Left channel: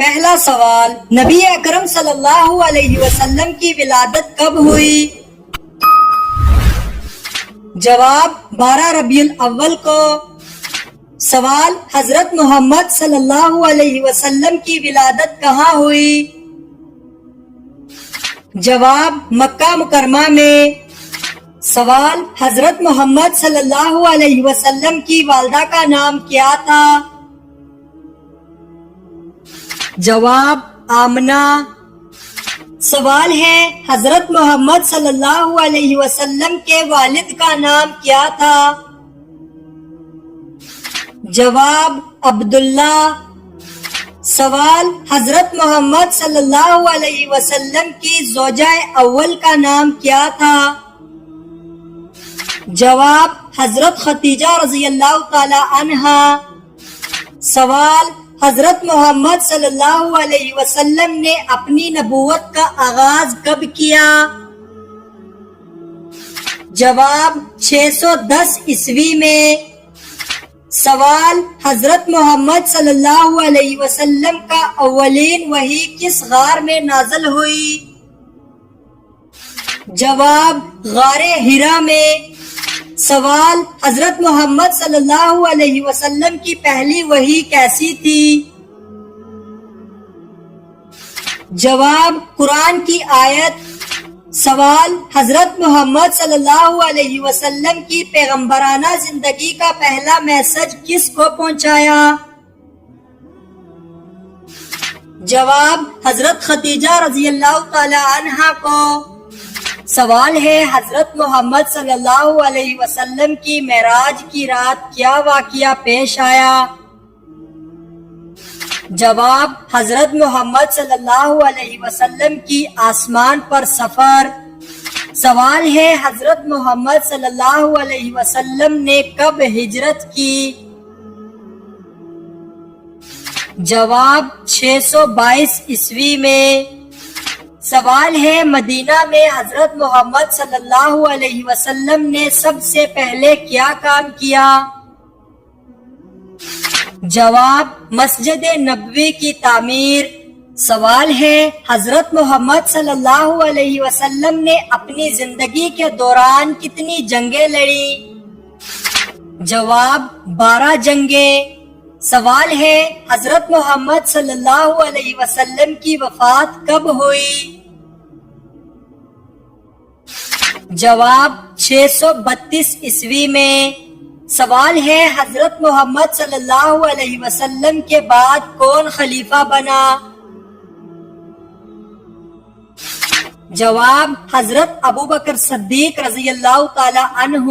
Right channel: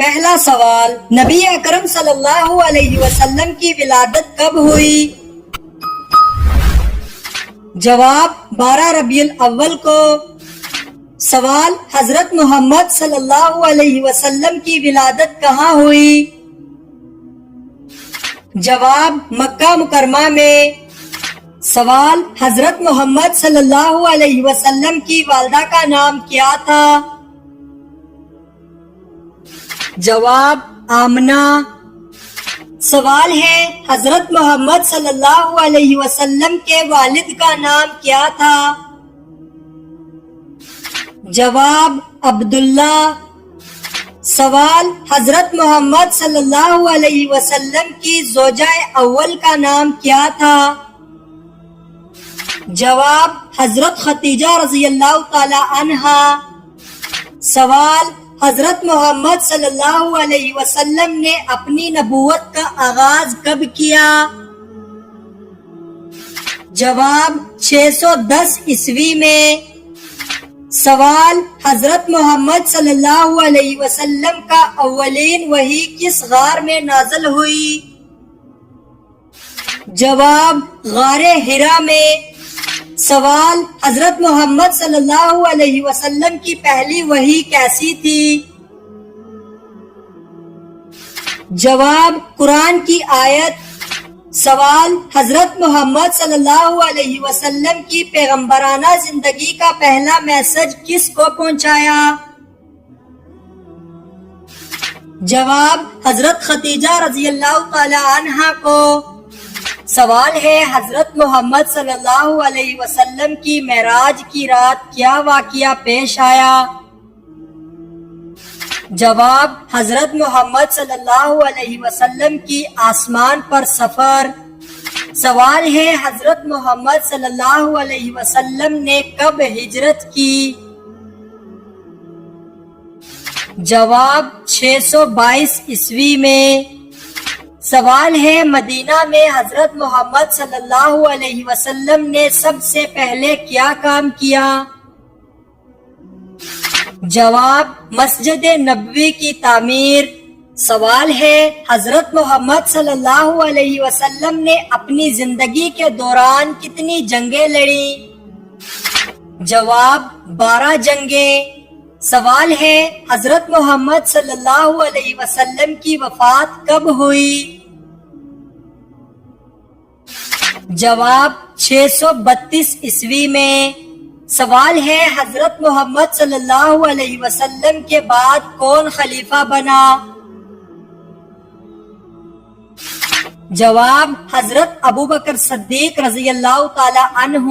پہلا سوال، نبی اکرم صلی اللہ علیہ وسلم کی ولادت کب ہوئی؟ جواب 12 ربیع الاول کو۔ سوال، حضرت محمد صلی اللہ علیہ وسلم کی ولادت کہاں ہوئی؟ جواب مکہ مکرمہ میں۔ سوال، حضرت محمد صلی اللہ علیہ وسلم کی والدہ کا نام کیا تھا؟ جواب آمنہ۔ سوال ہے، حضرت محمد صلی اللہ علیہ وسلم کے والد کا نام کیا تھا؟ جواب عبداللہ۔ سوال، حضرت محمد صلی اللہ علیہ وسلم کی زوجہ اول کا نام کیا تھا؟ جواب حضرت خدیجہ رضی اللہ تعالی عنہا۔ سوال، حضرت محمد صلی اللہ علیہ وسلم نے اپنی نبوت کا آغاز کب کیا؟ جواب 610 عیسوی میں۔ سوال، حضرت محمد صلی اللہ علیہ وسلم کا اولین وحی کس غار میں نازل ہوئی؟ جواب غار حرا میں۔ سوال، حضرت محمد صلی اللہ علیہ وسلم کی پہلی وحی کیسی تھی؟ جواب قرآن کی آیت۔ سوال، حضرت محمد صلی اللہ علیہ وسلم کی پیغمبرانہ زندگی کا پہلا میسج کس کو پہنچایا؟ جواب حضرت خدیجہ رضی اللہ تعالی عنہا کو۔ سوال ہے، حضرت محمد صلی اللہ علیہ وسلم کی معراج کی رات کیا واقعہ پیش آیا؟ جواب حضرت محمد صلی اللہ علیہ وسلم کی آسمان پر سفر۔ سوال ہے، حضرت محمد صلی اللہ علیہ وسلم نے کب ہجرت کی؟ جواب 622 عیسوی میں۔ سوال ہے، مدینہ میں حضرت محمد صلی اللہ علیہ وسلم نے سب سے پہلے کیا کام کیا؟ جواب مسجد نبوی کی تعمیر۔ سوال ہے، حضرت محمد صلی اللہ علیہ وسلم نے اپنی زندگی کے دوران کتنی جنگیں لڑی؟ جواب 12 جنگیں۔ سوال ہے، حضرت محمد صلی اللہ علیہ وسلم کی وفات کب ہوئی؟ جواب 632 عیسوی میں۔ سوال ہے، حضرت محمد صلی اللہ علیہ وسلم کے بعد کون خلیفہ بنا؟ جواب حضرت ابوبکر صدیق رضی اللہ تعالی عنہ۔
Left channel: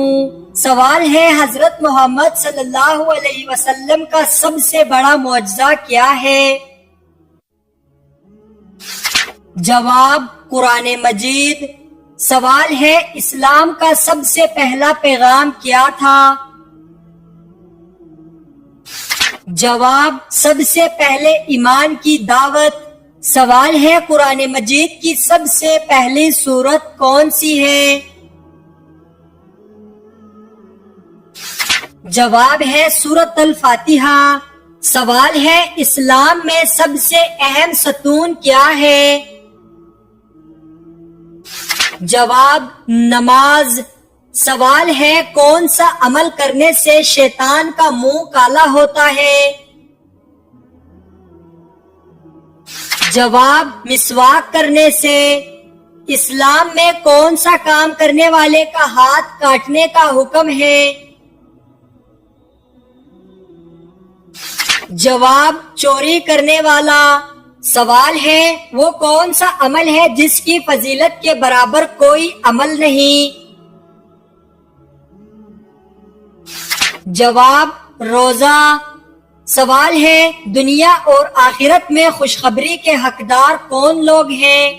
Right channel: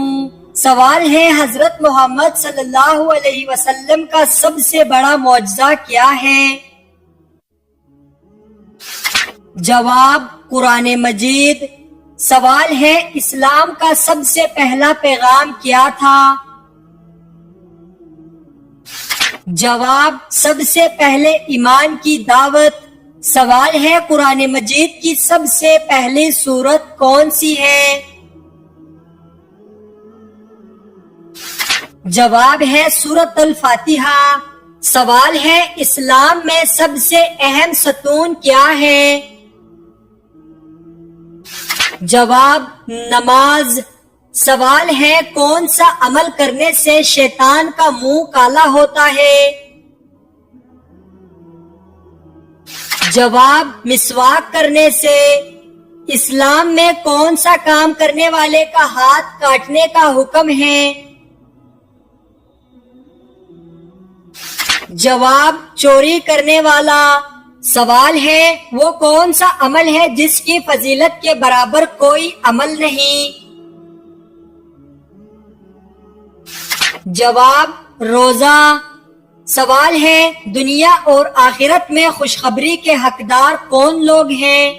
سوال ہے، حضرت محمد صلی اللہ علیہ وسلم کا سب سے بڑا معجزہ کیا ہے؟ جواب قرآن مجید۔ سوال ہے، اسلام کا سب سے پہلا پیغام کیا تھا؟ جواب سب سے پہلے ایمان کی دعوت۔ سوال ہے، قرآن مجید کی سب سے پہلی سورت کون سی ہے؟ جواب ہے سورۃ الفاتحہ۔ سوال ہے، اسلام میں سب سے اہم ستون کیا ہے؟ جواب نماز۔ سوال ہے، کون سا عمل کرنے سے شیطان کا منہ کالا ہوتا ہے؟ جواب مسواک کرنے سے۔ اسلام میں کون سا کام کرنے والے کا ہاتھ کاٹنے کا حکم ہے؟ جواب چوری کرنے والا۔ سوال ہے، وہ کون سا عمل ہے جس کی فضیلت کے برابر کوئی عمل نہیں؟ جواب روزہ۔ سوال ہے، دنیا اور آخرت میں خوشخبری کے حقدار کون لوگ ہیں؟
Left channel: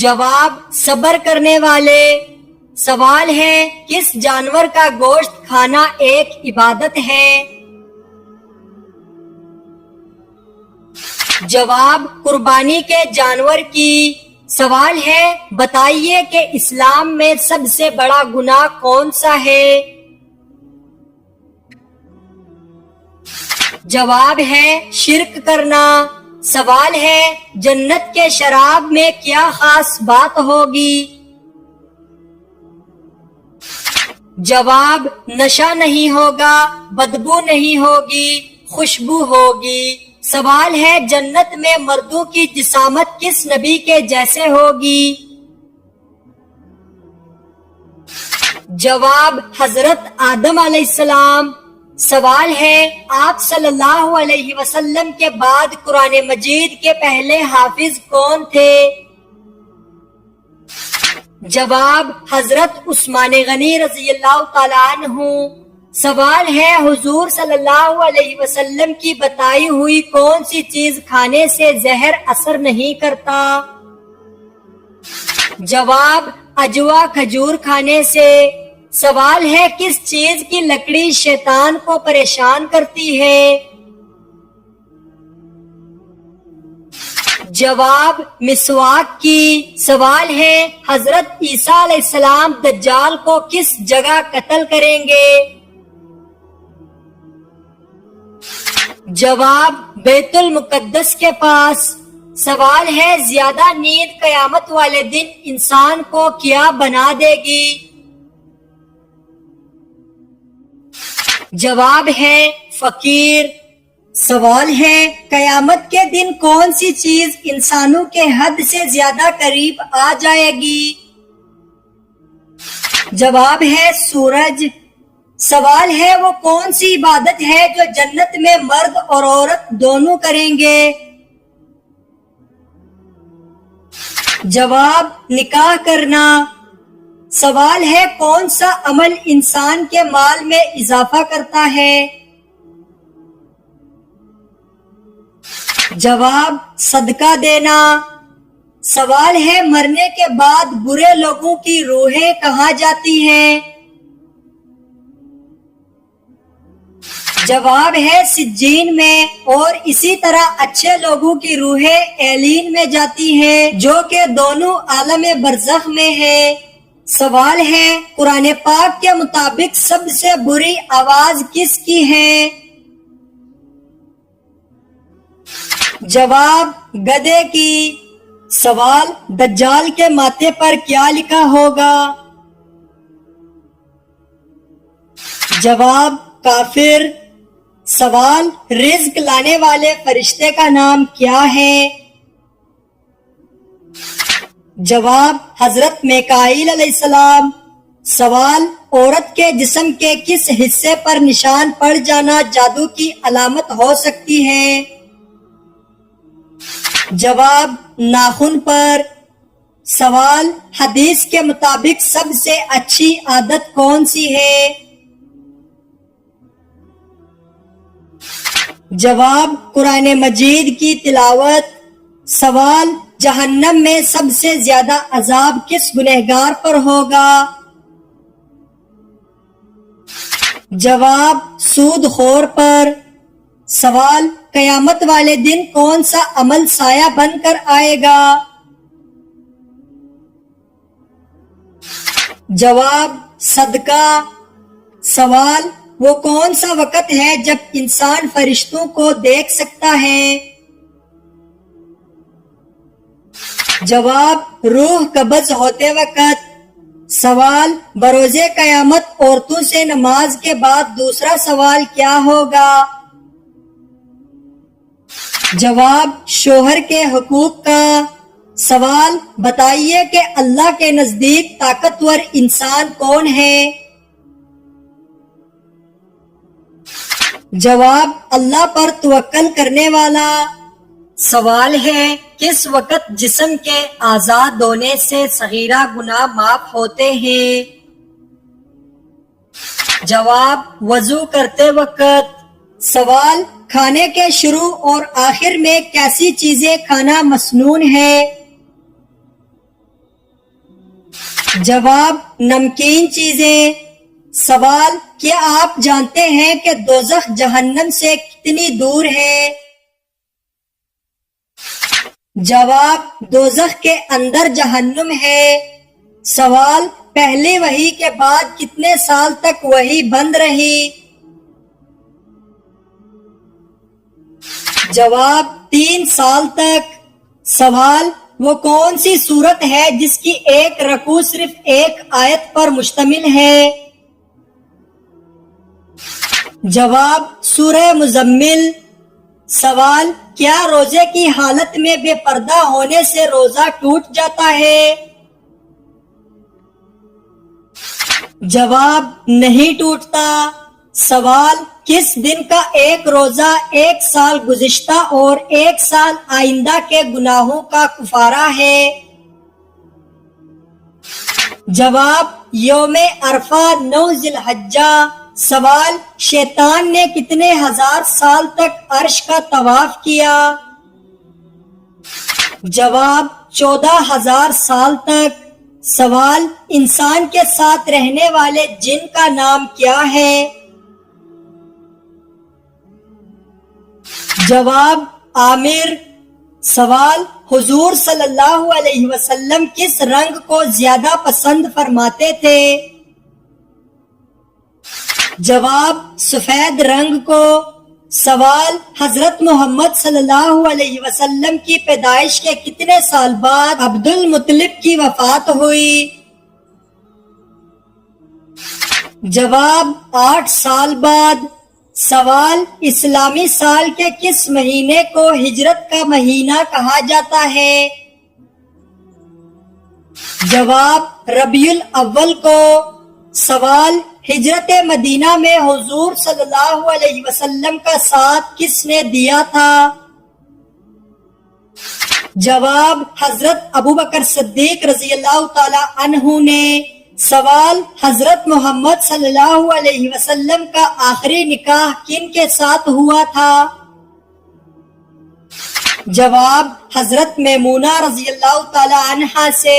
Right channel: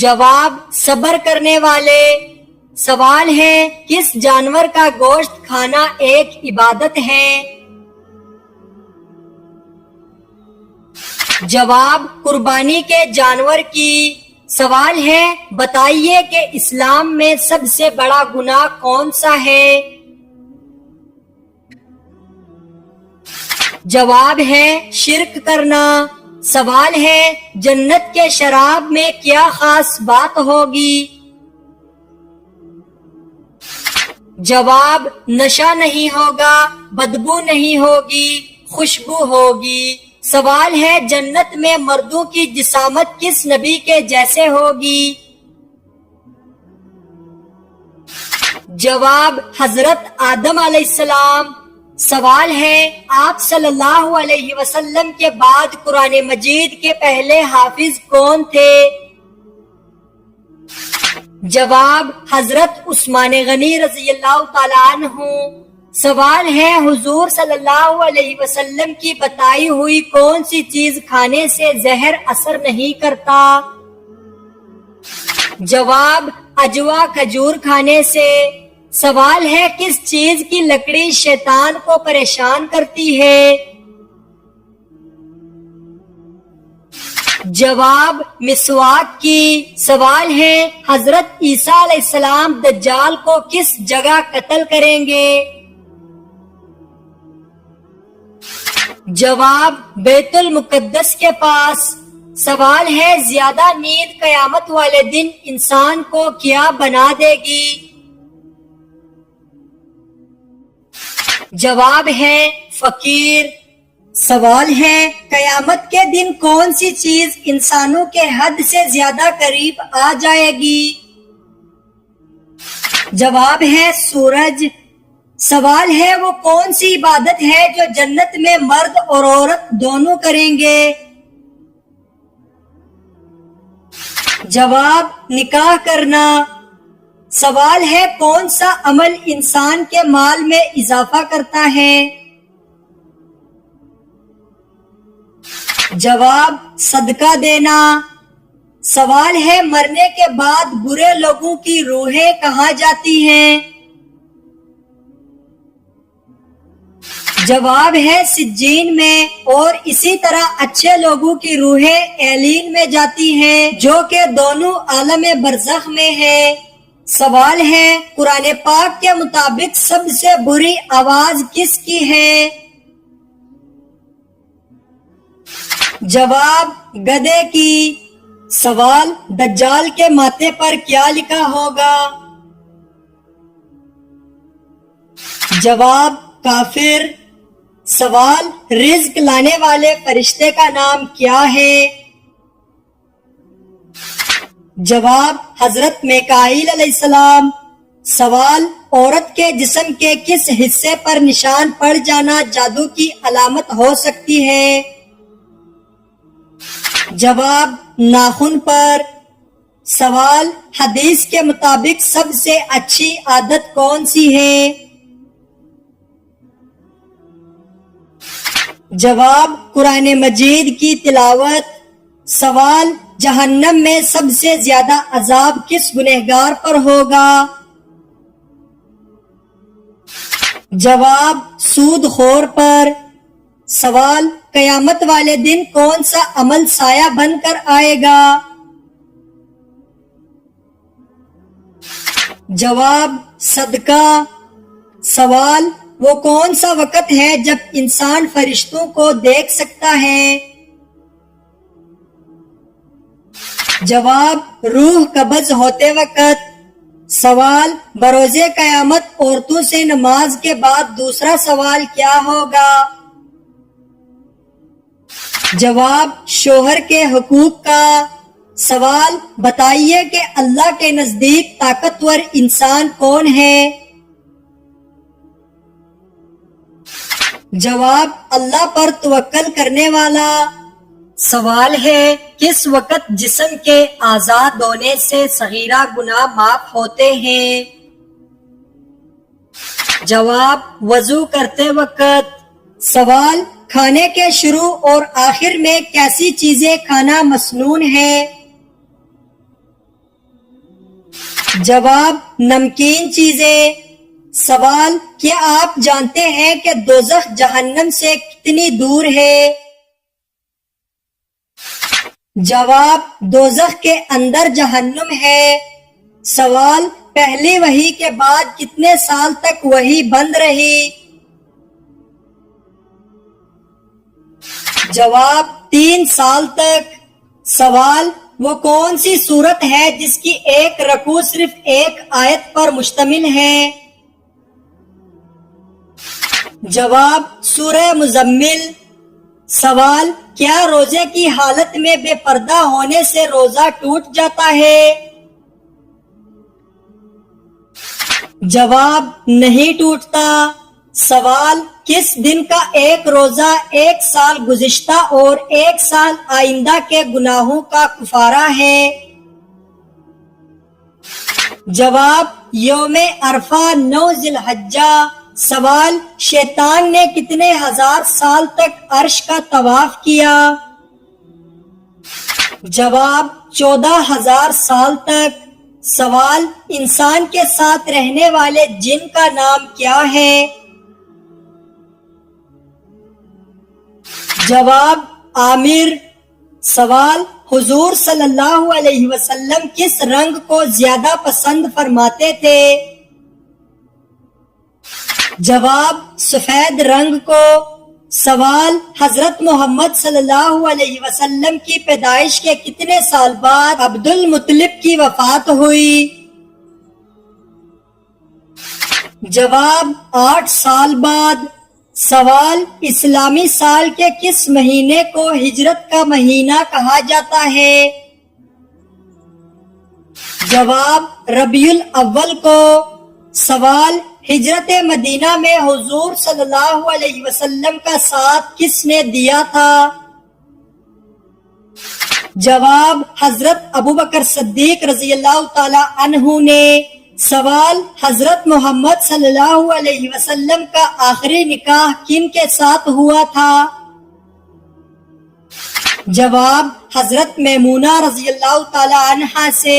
جواب صبر کرنے والے۔ سوال ہے، کس جانور کا گوشت کھانا ایک عبادت ہے؟ جواب قربانی کے جانور کی۔ سوال ہے، بتائیے کہ اسلام میں سب سے بڑا گناہ کون سا ہے؟ جواب ہے شرک کرنا۔ سوال ہے جنت کے شراب میں کیا خاص بات ہوگی؟ جواب نشہ نہیں ہوگا، بدبو نہیں ہوگی، خوشبو ہوگی۔ سوال ہے جنت میں مردوں کی جسامت کس نبی کے جیسے ہوگی؟ جواب حضرت آدم علیہ السلام۔ سوال ہے آپ صلی اللہ علیہ وسلم کے بعد قرآن مجید کے پہلے حافظ کون تھے؟ جواب حضرت عثمان غنی رضی اللہ تعالیٰ عنہ۔ سوال ہے حضور صلی اللہ علیہ وسلم کی بتائی ہوئی کون سی چیز کھانے سے زہر اثر نہیں کرتا؟ جواب اجوا کھجور کھانے سے۔ سوال ہے کس چیز کی لکڑی شیطان کو پریشان کرتی ہے؟ جواب مسواک کی۔ سوال ہے حضرت عیسیٰ علیہ السلام دجال کو کس جگہ قتل کریں گے؟ جواب بیت المقدس کے پاس۔ سوال ہے زیادہ نیند قیامت والے دن انسان کو کیا بنا دے گی؟ جواب ہے فقیر۔ سوال ہے قیامت کے دن کون سی چیز انسانوں کے حد سے زیادہ قریب آ جائے گی؟ جواب ہے سورج۔ سوال ہے وہ کون سی عبادت ہے جو جنت میں مرد اور عورت دونوں کریں گے؟ جواب نکاح کرنا۔ سوال ہے کون سا عمل انسان کے مال میں اضافہ کرتا ہے؟ جواب صدقہ دینا۔ سوال ہے مرنے کے بعد برے لوگوں کی روحیں کہاں جاتی ہیں؟ جواب ہے سجین میں، اور اسی طرح اچھے لوگوں کی روحیں ایلین میں جاتی ہیں جو کہ دونوں عالم برزخ میں ہے۔ سوال ہے قرآن پاک کے مطابق سب سے بری آواز کس کی ہے؟ جواب گدھے کی۔ سوال دجال کے ماتھے پر کیا لکھا ہوگا؟ جواب کافر۔ سوال رزق لانے والے فرشتے کا نام کیا ہے؟ جواب حضرت میکائیل علیہ السلام۔ سوال عورت کے جسم کے کس حصے پر نشان پڑ جانا جادو کی علامت ہو سکتی ہے؟ جواب ناخن پر۔ سوال حدیث کے مطابق سب سے اچھی عادت کون سی ہے؟ جواب قرآن مجید کی تلاوت۔ سوال جہنم میں سب سے زیادہ عذاب کس گنہگار پر ہوگا؟ جواب سود خور پر۔ سوال قیامت والے دن کون سا عمل سایہ بن کر آئے گا؟ جواب صدقہ۔ سوال وہ کون سا وقت ہے جب انسان فرشتوں کو دیکھ سکتا ہے؟ جواب روح قبض ہوتے وقت۔ سوال بروز قیامت عورتوں سے نماز کے بعد دوسرا سوال کیا ہوگا؟ جواب شوہر کے حقوق کا۔ سوال بتائیے کہ اللہ کے نزدیک طاقتور انسان کون ہے؟ جواب اللہ پر توکل کرنے والا۔ سوال ہے کس وقت جسم کے آزاد ہونے سے صغیرہ گناہ معاف ہوتے ہیں؟ جواب وضو کرتے وقت۔ سوال کھانے کے شروع اور آخر میں کیسی چیزیں کھانا مسنون ہے؟ جواب نمکین چیزیں۔ سوال کیا آپ جانتے ہیں کہ دوزخ جہنم سے کتنی دور ہے؟ جواب دوزخ کے اندر جہنم ہے۔ سوال پہلی وحی کے بعد کتنے سال تک وحی بند رہی؟ جواب 3 سال تک۔ سوال وہ کون سی سورت ہے جس کی ایک رکوع صرف ایک آیت پر مشتمل ہے؟ جواب سورہ مزمل۔ سوال کیا روزے کی حالت میں بے پردہ ہونے سے روزہ ٹوٹ جاتا ہے؟ جواب نہیں ٹوٹتا۔ سوال کس دن کا ایک روزہ 1 سال گزشتہ اور 1 سال آئندہ کے گناہوں کا کفارہ ہے؟ جواب یوم عرفہ 9 ذی الحجہ۔ سوال شیطان نے کتنے ہزار سال تک عرش کا طواف کیا؟ جواب 14,000 سال تک۔ سوال انسان کے ساتھ رہنے والے جن کا نام کیا ہے؟ جواب عامر۔ سوال حضور صلی اللہ علیہ وسلم کس رنگ کو زیادہ پسند فرماتے تھے؟ جواب سفید رنگ کو۔ سوال حضرت محمد صلی اللہ علیہ وسلم کی پیدائش کے کتنے سال بعد عبد المطلب کی وفات ہوئی؟ جواب 8 سال بعد۔ سوال اسلامی سال کے کس مہینے کو ہجرت کا مہینہ کہا جاتا ہے؟ جواب ربیع الاول کو۔ سوال ہجرت مدینہ میں حضور صلی اللہ علیہ وسلم کا ساتھ کس نے دیا تھا؟ جواب حضرت ابوبکر صدیق رضی اللہ تعالی عنہ نے۔ سوال حضرت محمد صلی اللہ علیہ وسلم کا آخری نکاح کن کے ساتھ ہوا تھا؟ جواب حضرت میمونہ رضی اللہ تعالی عنہا سے۔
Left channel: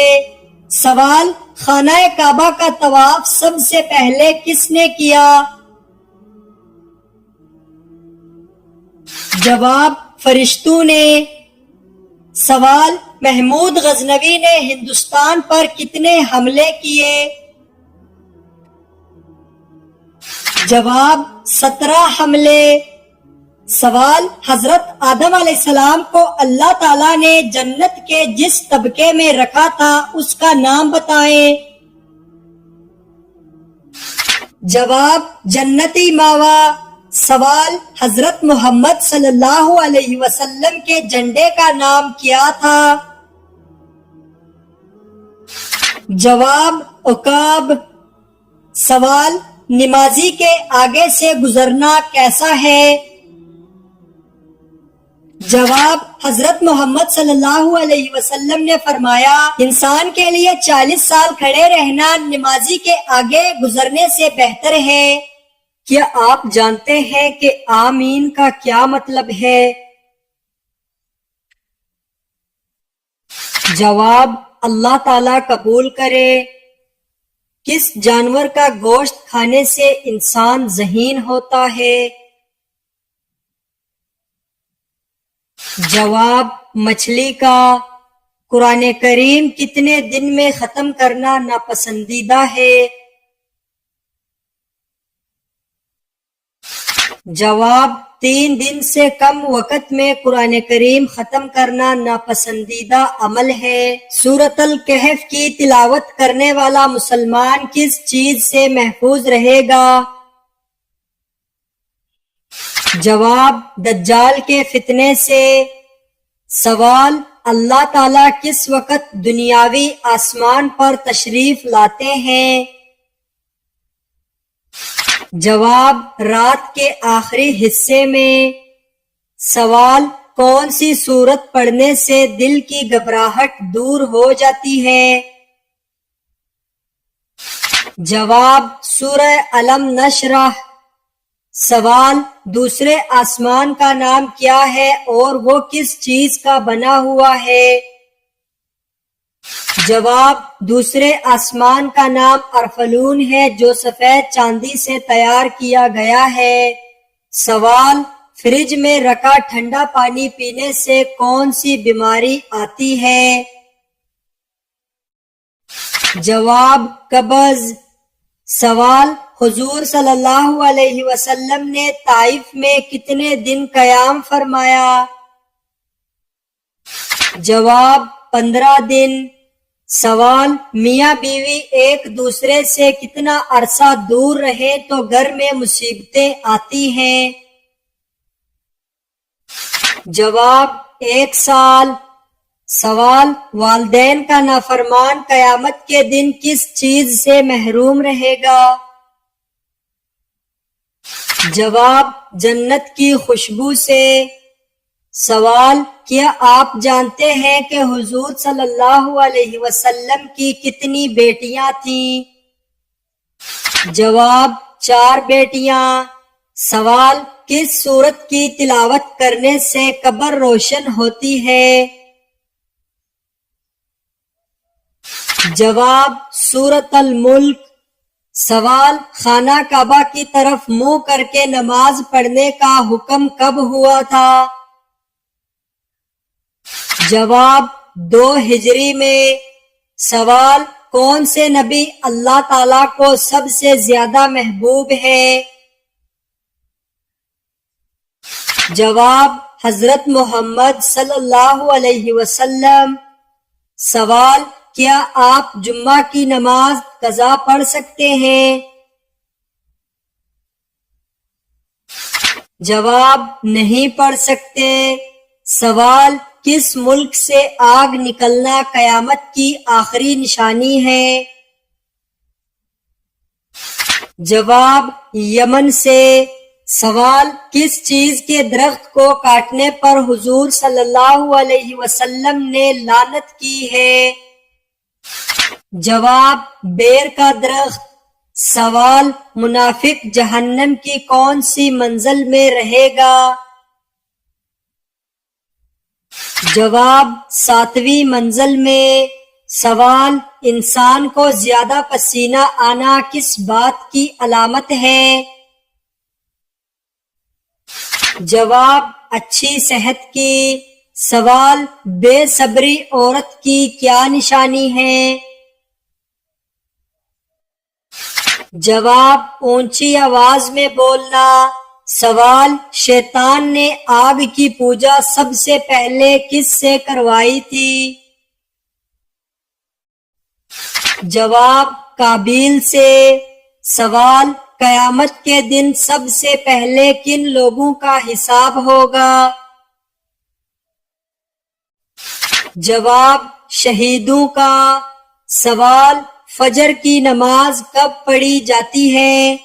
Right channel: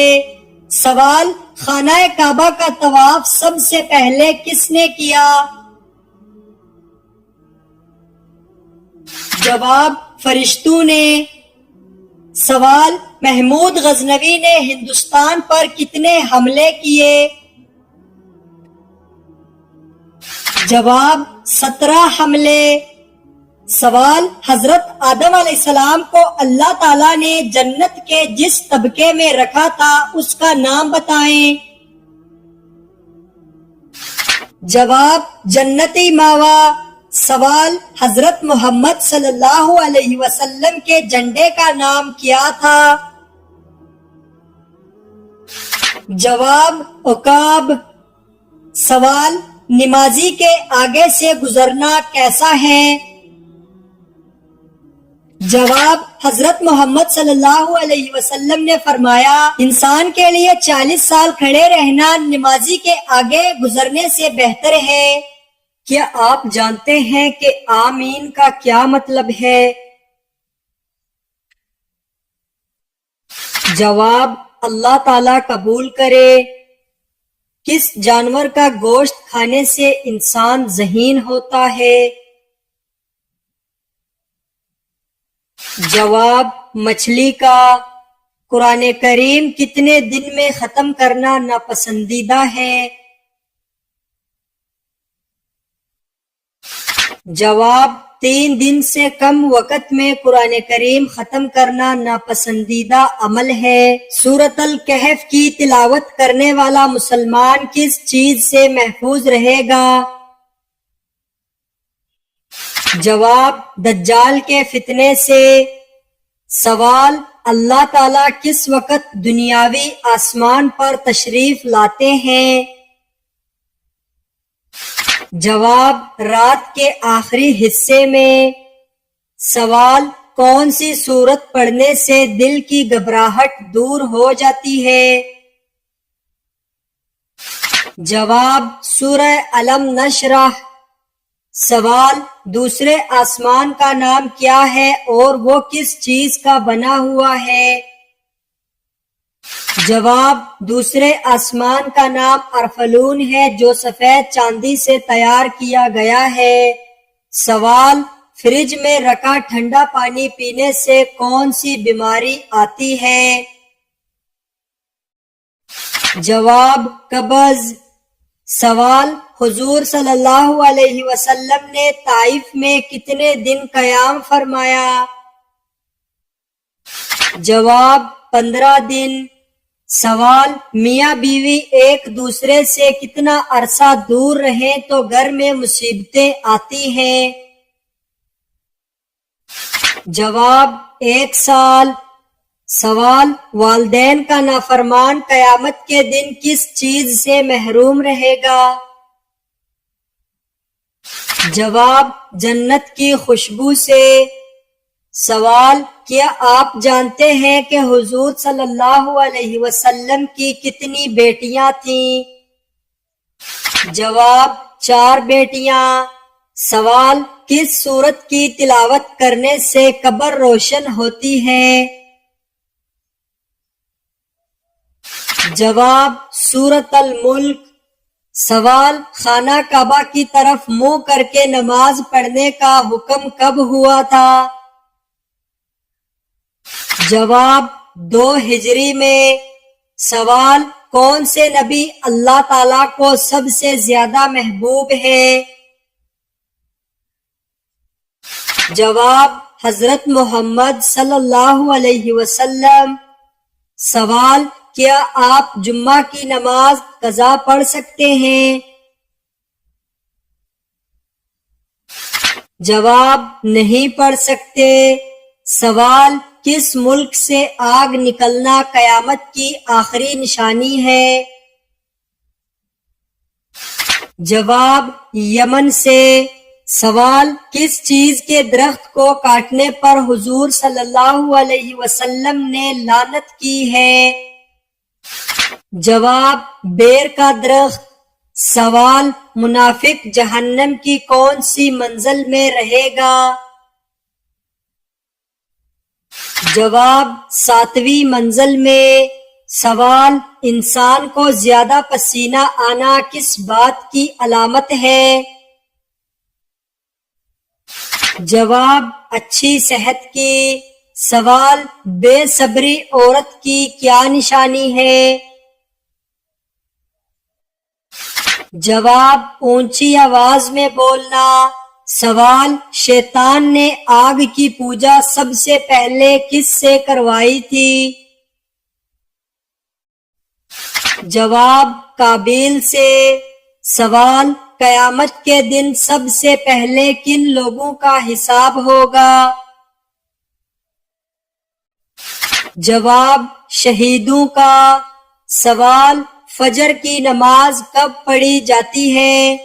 سوال خانہ کعبہ کا طواف سب سے پہلے کس نے کیا؟ جواب فرشتوں نے۔ سوال محمود غزنوی نے ہندوستان پر کتنے حملے کیے؟ جواب 17 حملے۔ سوال حضرت آدم علیہ السلام کو اللہ تعالیٰ نے جنت کے جس طبقے میں رکھا تھا اس کا نام بتائیں۔ جواب جنتی ماوا۔ سوال حضرت محمد صلی اللہ علیہ وسلم کے جھنڈے کا نام کیا تھا؟ جواب عقاب۔ سوال نمازی کے آگے سے گزرنا کیسا ہے؟ جواب حضرت محمد صلی اللہ علیہ وسلم نے فرمایا انسان کے لیے 40 سال کھڑے رہنا نمازی کے آگے گزرنے سے بہتر ہے۔ کیا آپ جانتے ہیں کہ آمین کا کیا مطلب ہے؟ جواب اللہ تعالیٰ قبول کرے۔ کس جانور کا گوشت کھانے سے انسان ذہین ہوتا ہے؟ جواب مچھلی کا۔ قرآن کریم کتنے دن میں ختم کرنا ناپسندیدہ ہے؟ جواب 3 دن سے کم وقت میں قرآن کریم ختم کرنا ناپسندیدہ عمل ہے۔ سورۃ الکہف کی تلاوت کرنے والا مسلمان کس چیز سے محفوظ رہے گا؟ جواب دجال کے فتنے سے۔ سوال اللہ تعالیٰ کس وقت دنیاوی آسمان پر تشریف لاتے ہیں؟ جواب رات کے آخری حصے میں۔ سوال کون سی سورت پڑھنے سے دل کی گھبراہٹ دور ہو جاتی ہے؟ جواب سورہ الم نشرح۔ سوال دوسرے آسمان کا نام کیا ہے اور وہ کس چیز کا بنا ہوا ہے؟ جواب دوسرے آسمان کا نام ارفلون ہے جو سفید چاندی سے تیار کیا گیا ہے۔ سوال فریج میں رکھا ٹھنڈا پانی پینے سے کون سی بیماری آتی ہے؟ جواب قبض۔ سوال، حضور صلی اللہ علیہ وسلم نے طائف میں کتنے دن قیام فرمایا؟ جواب، 15 دن۔ سوال، میاں بیوی ایک دوسرے سے کتنا عرصہ دور رہیں تو گھر میں مصیبتیں آتی ہیں؟ جواب، 1 سال۔ سوال، والدین کا نافرمان قیامت کے دن کس چیز سے محروم رہے گا؟ جواب، جنت کی خوشبو سے۔ سوال، کیا آپ جانتے ہیں کہ حضور صلی اللہ علیہ وسلم کی کتنی بیٹیاں تھیں؟ جواب، 4 بیٹیاں۔ سوال، کس سورت کی تلاوت کرنے سے قبر روشن ہوتی ہے؟ جواب، سورۃ الملک۔ سوال، خانہ کعبہ کی طرف منہ کر کے نماز پڑھنے کا حکم کب ہوا تھا؟ جواب، 2 ہجری میں۔ سوال، کون سے نبی اللہ تعالیٰ کو سب سے زیادہ محبوب ہیں؟ جواب، حضرت محمد صلی اللہ علیہ وسلم۔ سوال، کیا آپ جمعہ کی نماز قضا پڑھ سکتے ہیں؟ جواب، نہیں پڑھ سکتے۔ سوال، کس ملک سے آگ نکلنا قیامت کی آخری نشانی ہے؟ جواب، یمن سے۔ سوال، کس چیز کے درخت کو کاٹنے پر حضور صلی اللہ علیہ وسلم نے لعنت کی ہے؟ جواب، بیر کا درخت۔ سوال، منافق جہنم کی کون سی منزل میں رہے گا؟ جواب، 7ویں منزل میں۔ سوال، انسان کو زیادہ پسینہ آنا کس بات کی علامت ہے؟ جواب، اچھی صحت کی۔ سوال، بے صبری عورت کی کیا نشانی ہے؟ جواب، اونچی آواز میں بولنا۔ سوال، شیطان نے آگ کی پوجا سب سے پہلے کس سے کروائی تھی؟ جواب، قابیل سے۔ سوال، قیامت کے دن سب سے پہلے کن لوگوں کا حساب ہوگا؟ جواب، شہیدوں کا۔ سوال، فجر کی نماز کب پڑھی جاتی ہے؟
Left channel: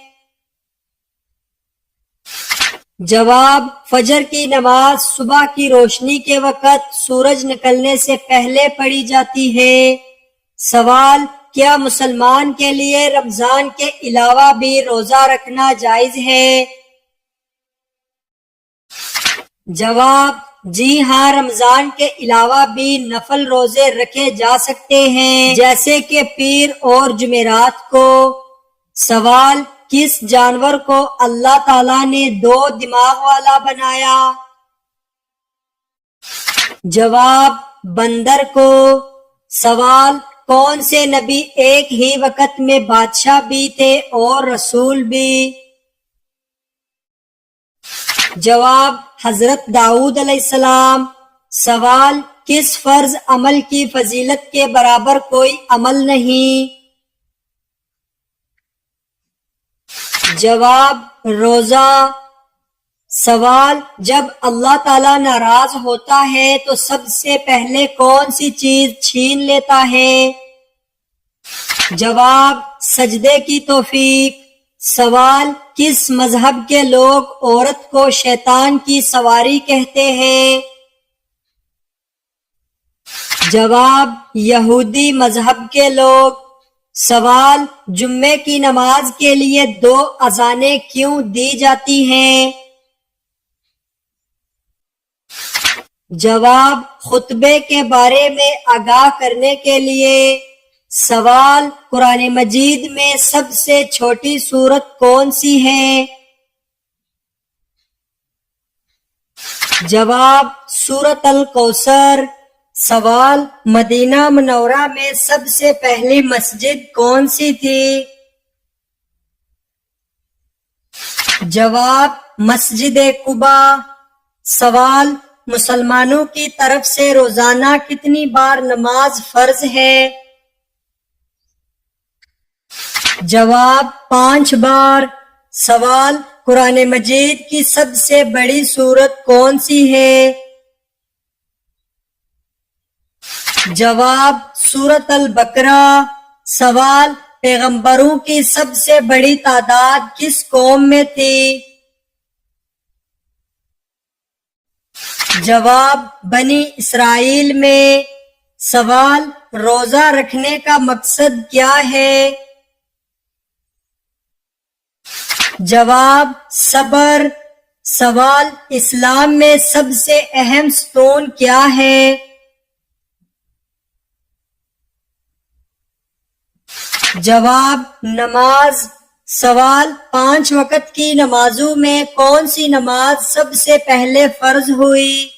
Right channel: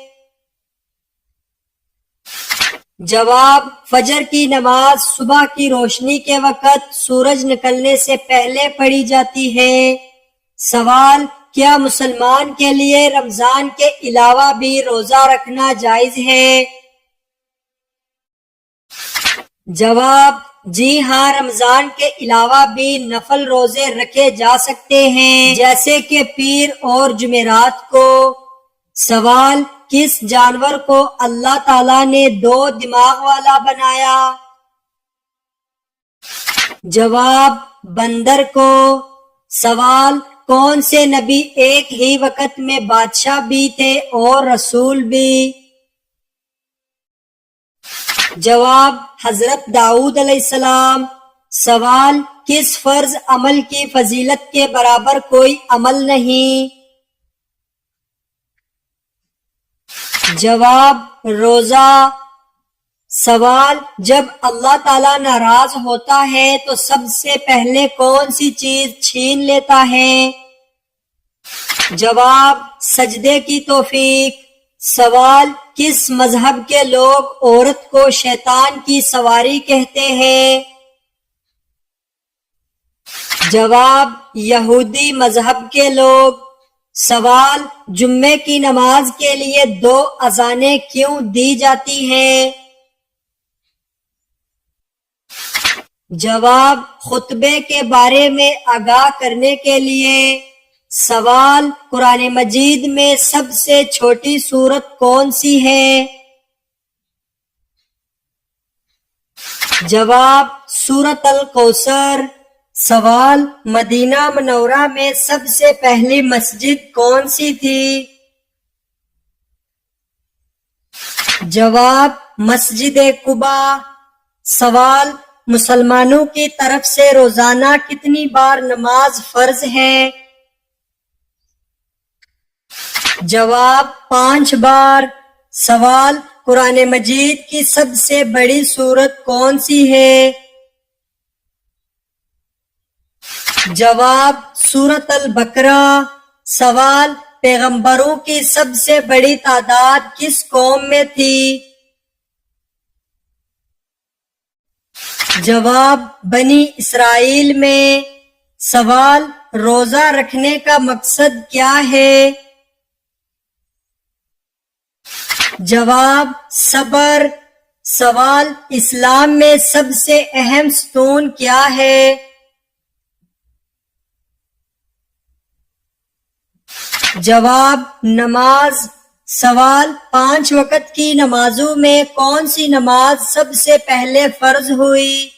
جواب، فجر کی نماز صبح کی روشنی کے وقت سورج نکلنے سے پہلے پڑھی جاتی ہے۔ سوال، کیا مسلمان کے لیے رمضان کے علاوہ بھی روزہ رکھنا جائز ہے؟ جواب، جی ہاں، رمضان کے علاوہ بھی نفل روزے رکھے جا سکتے ہیں، جیسے کہ پیر اور جمعرات کو۔ سوال، کس جانور کو اللہ تعالیٰ نے 2 دماغ والا بنایا؟ جواب، بندر کو۔ سوال، کون سے نبی ایک ہی وقت میں بادشاہ بھی تھے اور رسول بھی؟ جواب، حضرت داؤد علیہ السلام۔ سوال، کس فرض عمل کی فضیلت کے برابر کوئی عمل نہیں؟ جواب، روزہ۔ سوال، جب اللہ تعالیٰ ناراض ہوتا ہے تو سب سے پہلے کون سی چیز چھین لیتا ہے؟ جواب، سجدے کی توفیق۔ سوال، کس مذہب کے لوگ عورت کو شیطان کی سواری کہتے ہیں؟ جواب، یہودی مذہب کے لوگ۔ سوال، جمعے کی نماز کے لیے 2 اذانیں کیوں دی جاتی ہیں؟ جواب، خطبے کے بارے میں آگاہ کرنے کے لیے۔ سوال، قرآن مجید میں سب سے چھوٹی سورت کون سی ہے؟ جواب، سورۃ الکوثر۔ سوال، مدینہ منورہ میں سب سے پہلی مسجد کون سی تھی؟ جواب مسجد قباء۔ سوال مسلمانوں کی طرف سے روزانہ کتنی بار نماز فرض ہے؟ جواب 5 بار۔ سوال قرآن مجید کی سب سے بڑی سورت کون سی ہے؟ جواب سورۃ البقرہ۔ سوال پیغمبروں کی سب سے بڑی تعداد کس قوم میں تھی؟ جواب بنی اسرائیل میں۔ سوال روزہ رکھنے کا مقصد کیا ہے؟ جواب صبر۔ سوال اسلام میں سب سے اہم ستون کیا ہے؟ جواب نماز۔ سوال 5 وقت کی نمازوں میں کون سی نماز سب سے پہلے فرض ہوئی؟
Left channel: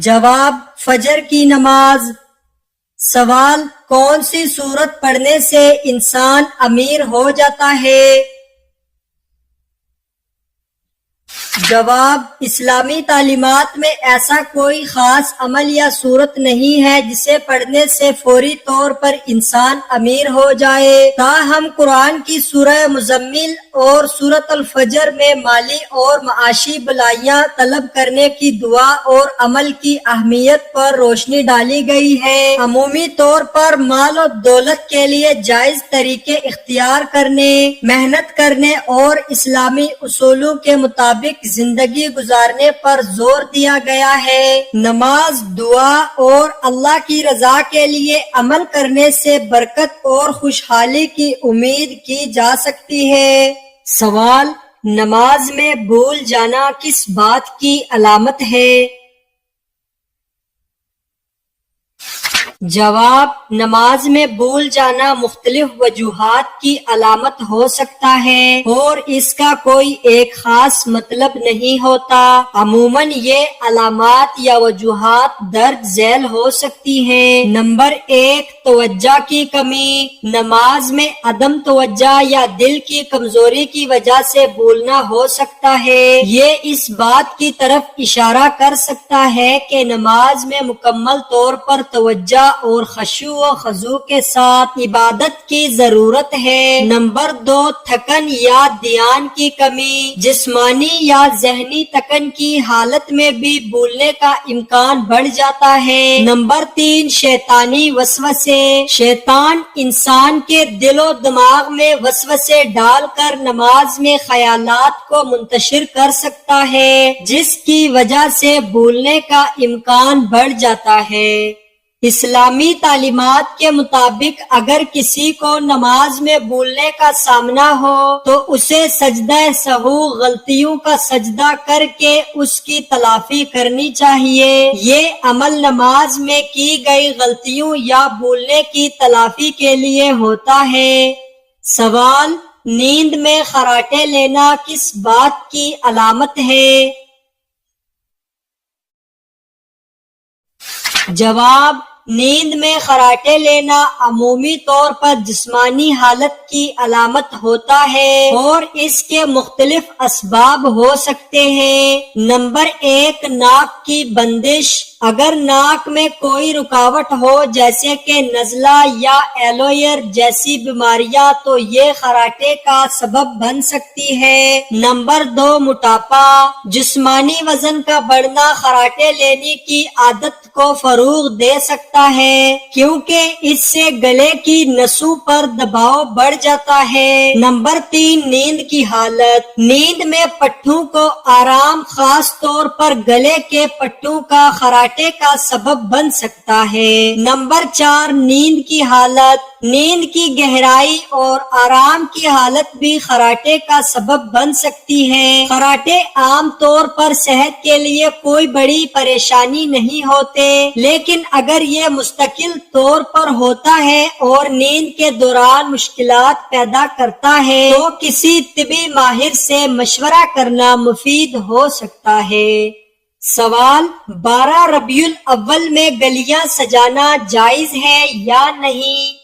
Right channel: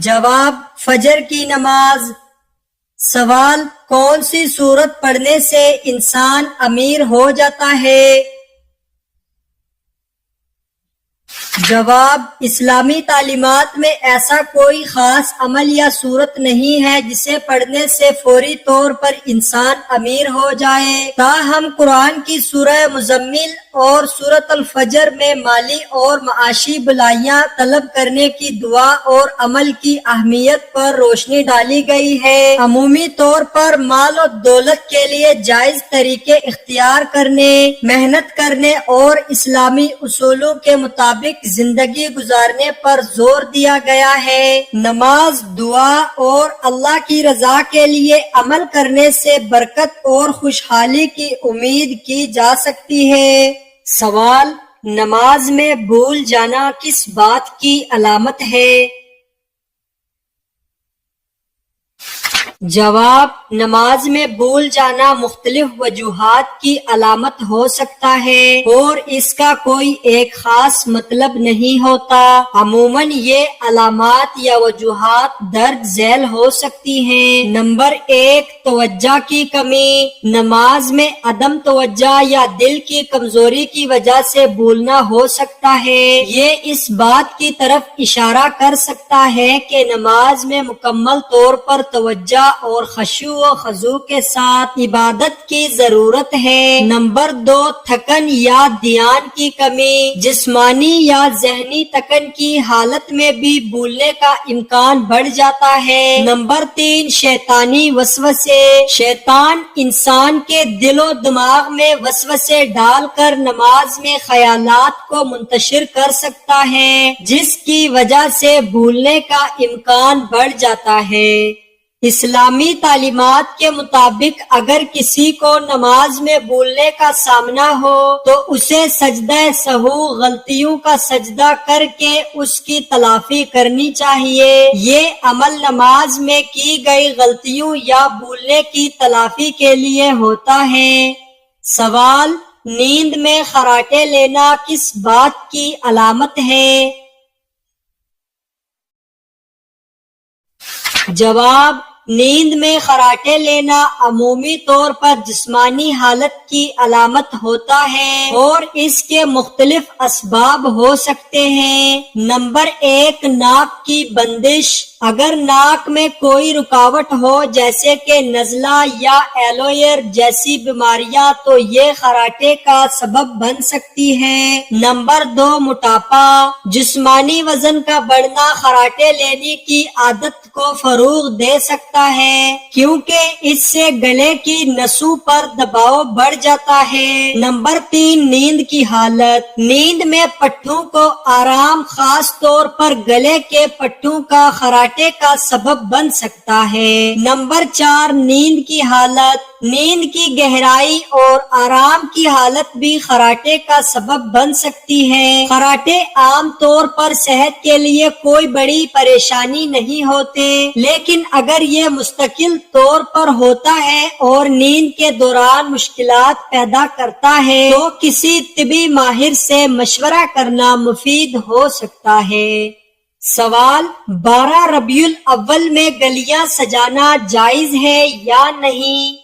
جواب فجر کی نماز۔ سوال کون سی سورت پڑھنے سے انسان امیر ہو جاتا ہے؟ جواب اسلامی تعلیمات میں ایسا کوئی خاص عمل یا صورت نہیں ہے جسے پڑھنے سے فوری طور پر انسان امیر ہو جائے۔ تاہم قرآن کی سورہ مزمل اور سورۃ الفجر میں مالی اور معاشی بھلائیاں طلب کرنے کی دعا اور عمل کی اہمیت پر روشنی ڈالی گئی ہے۔ عمومی طور پر مال و دولت کے لیے جائز طریقے اختیار کرنے، محنت کرنے اور اسلامی اصولوں کے مطابق زندگی گزارنے پر زور دیا گیا ہے۔ نماز، دعا اور اللہ کی رضا کے لیے عمل کرنے سے برکت اور خوشحالی کی امید کی جا سکتی ہے۔ سوال نماز میں بھول جانا کس بات کی علامت ہے؟ جواب نماز میں بھول جانا مختلف وجوہات کی علامت ہو سکتا ہے اور اس کا کوئی ایک خاص مطلب نہیں ہوتا۔ عموماً یہ علامات یا وجوہات درج ذیل ہو سکتی ہیں۔ نمبر 1 توجہ کی کمی۔ نماز میں عدم توجہ یا دل کی کمزوری کی وجہ سے بھولنا ہو سکتا ہے۔ یہ اس بات کی طرف اشارہ کر سکتا ہے کہ نماز میں مکمل طور پر توجہ اور خشوع و خضوع کے ساتھ عبادت کی ضرورت ہے۔ نمبر 2 تھکن یا دھیان کی کمی۔ جسمانی یا ذہنی تھکن کی حالت میں بھی بھولنے کا امکان بڑھ جاتا ہے۔ نمبر 3 شیطانی وسوسے۔ شیطان انسان کے دل و دماغ میں وسوسے ڈال کر نماز میں خیالات کو منتشر کر سکتا ہے، جس کی وجہ سے بھولنے کا امکان بڑھ جاتا ہے۔ اسلامی تعلیمات کے مطابق اگر کسی کو نماز میں بھولنے کا سامنا ہو تو اسے سجدہ سہو غلطیوں کا سجدہ کر کے اس کی تلافی کرنی چاہیے۔ یہ عمل نماز میں کی گئی غلطیوں یا بھولنے کی تلافی کے لیے ہوتا ہے۔ سوال نیند میں خراٹے لینا کس بات کی علامت ہے؟ جواب نیند میں خراٹے لینا عمومی طور پر جسمانی حالت کی علامت ہوتا ہے اور اس کے مختلف اسباب ہو سکتے ہیں۔ نمبر 1 ناک کی بندش۔ اگر ناک میں کوئی رکاوٹ ہو جیسے کہ نزلہ یا ایلوئر جیسی بیماریاں تو یہ خراٹے کا سبب بن سکتی ہے۔ نمبر 2 موٹاپا۔ جسمانی وزن کا بڑھنا خراٹے لینے کی عادت کو فروغ دے سکتا ہے کیونکہ اس سے گلے کی نسوں پر دباؤ بڑھ جاتا ہے۔ نمبر 3 نیند کی حالت۔ نیند میں پٹھوں کو آرام خاص طور پر گلے کے پٹھوں کا خراٹے کا سبب بن سکتا ہے۔ نمبر 4 نیند کی حالت۔ نیند کی گہرائی اور آرام کی حالت بھی خراٹے کا سبب بن سکتی ہے۔ خراٹے عام طور پر صحت کے لیے کوئی بڑی پریشانی نہیں ہوتے، لیکن اگر یہ مستقل طور پر ہوتا ہے اور نیند کے دوران مشکلات پیدا کرتا ہے تو کسی طبی ماہر سے مشورہ کرنا مفید ہو سکتا ہے۔ سوال 12 ربیع الاول میں گلیاں سجانا جائز ہے یا نہیں؟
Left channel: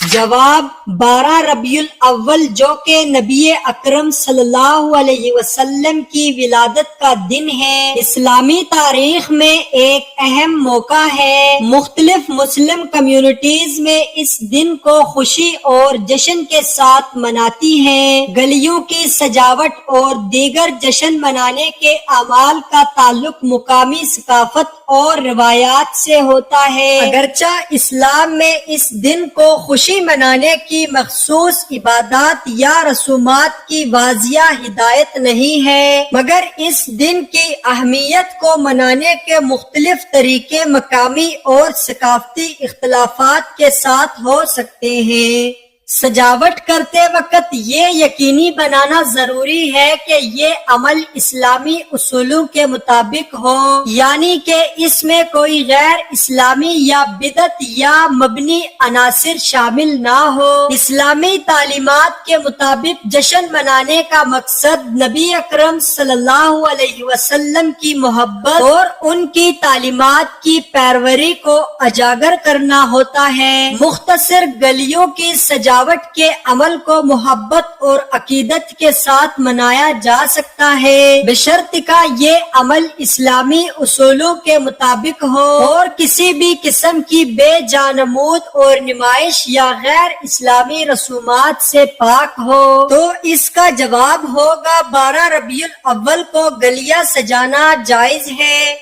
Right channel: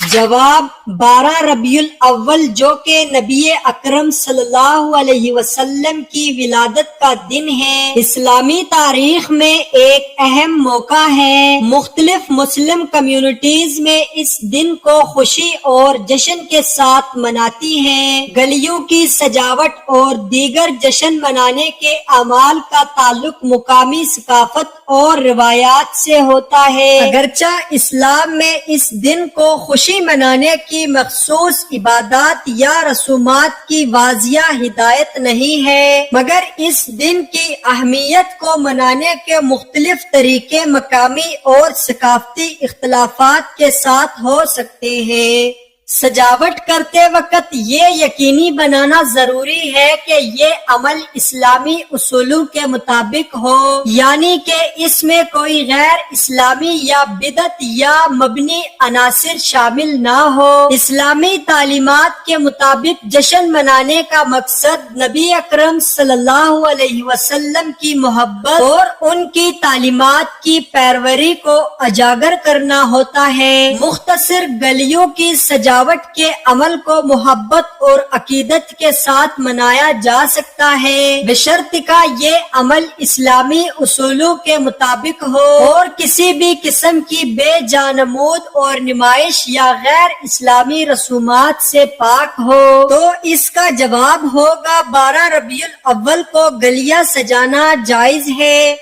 جواب 12 ربیع الاول جو کہ نبی اکرم صلی اللہ علیہ وسلم کی ولادت کا دن ہے، اسلامی تاریخ میں ایک اہم موقع ہے۔ مختلف مسلم کمیونٹیز میں اس دن کو خوشی اور جشن کے ساتھ مناتی ہیں۔ گلیوں کی سجاوٹ اور دیگر جشن منانے کے اعمال کا تعلق مقامی ثقافت اور روایات سے ہوتا ہے۔ اگرچہ اسلام میں اس دن کو خوشی منانے کی مخصوص عبادات یا رسومات کی واضح ہدایت نہیں ہے، مگر اس دن کی اہمیت کو منانے کے مختلف طریقے مقامی اور ثقافتی اختلافات کے ساتھ ہو سکتے ہیں۔ سجاوٹ کرتے وقت یہ یقینی بنانا ضروری ہے کہ یہ عمل اسلامی اصولوں کے مطابق ہو، یعنی کہ اس میں کوئی غیر اسلامی یا بدعت یا مبنی عناصر شامل نہ ہو۔ اسلامی تعلیمات کے مطابق جشن منانے کا مقصد نبی اکرم صلی اللہ علیہ وسلم کی محبت اور ان کی تعلیمات کی پیروی کو اجاگر کرنا ہوتا ہے۔ مختصر گلیوں کی سجاوٹ کے عمل کو محبت اور عقیدت کے ساتھ منایا جا سکتا ہے، بشرطیکہ یہ عمل اسلامی اصولوں کے مطابق ہو اور کسی بھی قسم کی بے جانمود اور نمائش یا غیر اسلامی رسومات سے پاک ہو۔ تو اس کا جواب ہوگا 12 ربیع الاول کو گلیاں سجانا جائز ہے۔